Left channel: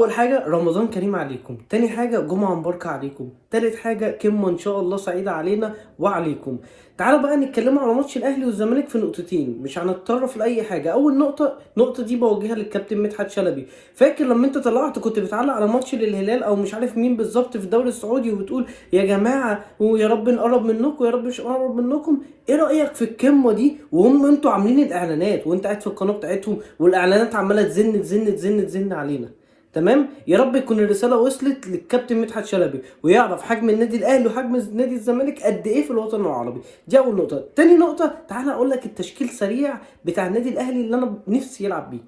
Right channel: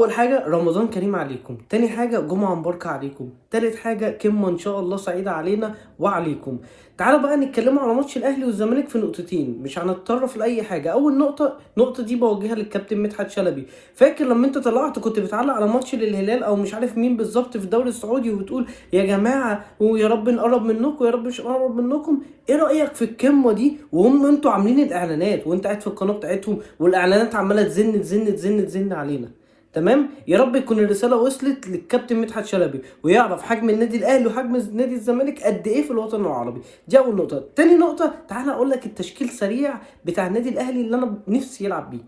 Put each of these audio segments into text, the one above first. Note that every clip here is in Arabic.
اول حاجه رمضان كريم عليكم، تاني حاجه جمعه مباركه عليكم، تالت حاجه كلمه ان شاء الله سعيده علينا وعليكم. تعالوا بقى نتكلموا على ماتش الاهلي والزمالك في نقطتين، مش هنتطرف لاي حاجه. اول نقطه دي بوجهها للكابتن مدحت شلبي. فاكر لما انت طلعت كنت بتعلق على ماتش للهلال او مش عارف مين بالظبط في الدوري السعودي وبتقول يا جماعه ويا رب نقرب منكم يا رب مش نقرب منكم؟ ايه رايك في القمه دي وهم انتوا عاملين الاعلانات وانت قاعد في القناه بتاعتهم والاعلانات عماله تزن تزن تزن تزن علينا؟ تمام. يا رب يكون الرساله وصلت للكابتن مدحت شلبي ويعرف حجم النادي الاهلي وحجم نادي الزمالك قد ايه في الوطن العربي. دي اول نقطه. تاني نقطه، تعالى اقول لك التشكيل سريع بتاع النادي الاهلي اللي انا نفسي يلعب بيه.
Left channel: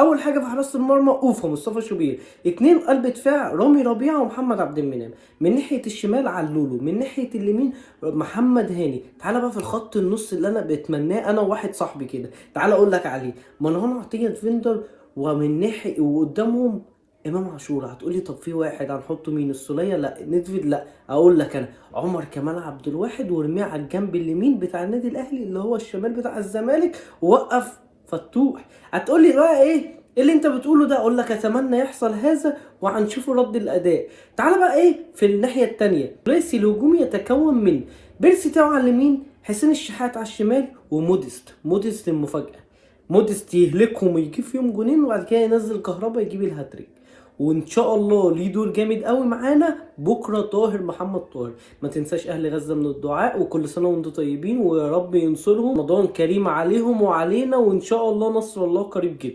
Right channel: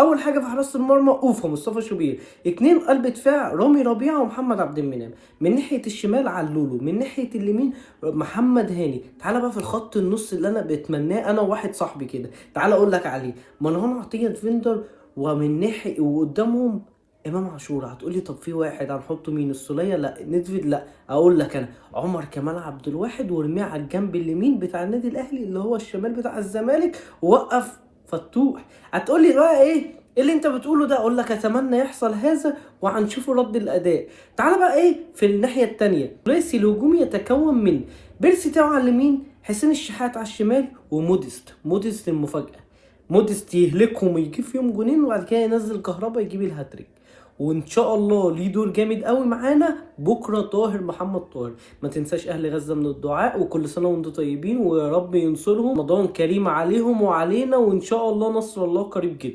اول حاجه في حراسه المرمى اوفا مصطفى شوبير، اتنين قلب دفاع رامي ربيعه ومحمد عبد المنعم، من ناحيه الشمال علولو، من ناحيه اليمين محمد هاني. تعالى بقى في الخط النص اللي انا بتمناه انا وواحد صاحبي كده، تعالى اقول لك عليه، مروان عطيه ديفندر، ومن ناحيه وقدامهم امام عاشور. هتقولي طب في واحد هنحطه مين؟ السوليه؟ لا. ندفيد؟ لا. اقول لك انا عمر كمال عبد الواحد، وارميه على الجنب اليمين بتاع النادي الاهلي اللي هو الشمال بتاع الزمالك، ووقف فتوح. هتقولي بقى ايه اللي انت بتقوله ده؟ اقول لك اتمنى يحصل هذا وهنشوف رد الاداء. تعال بقى ايه في الناحيه الثانيه. رئيس الهجوم يتكون من بيرسي تاو على اليمين، حسين الشحات على الشمال، وموديست المفاجاه. موديست يهلكهم ويجيب فيهم جونين وبعد كده ينزل كهربا يجيب الهاتريك. وان شاء الله ليه دور جامد قوي معانا بكره طاهر محمد طاهر. ما تنساش اهل غزه من الدعاء، وكل سنه وانتم طيبين ويا رب ينصرهم. رمضان كريم عليهم وعلينا، وان شاء الله نصر الله قريب جدا.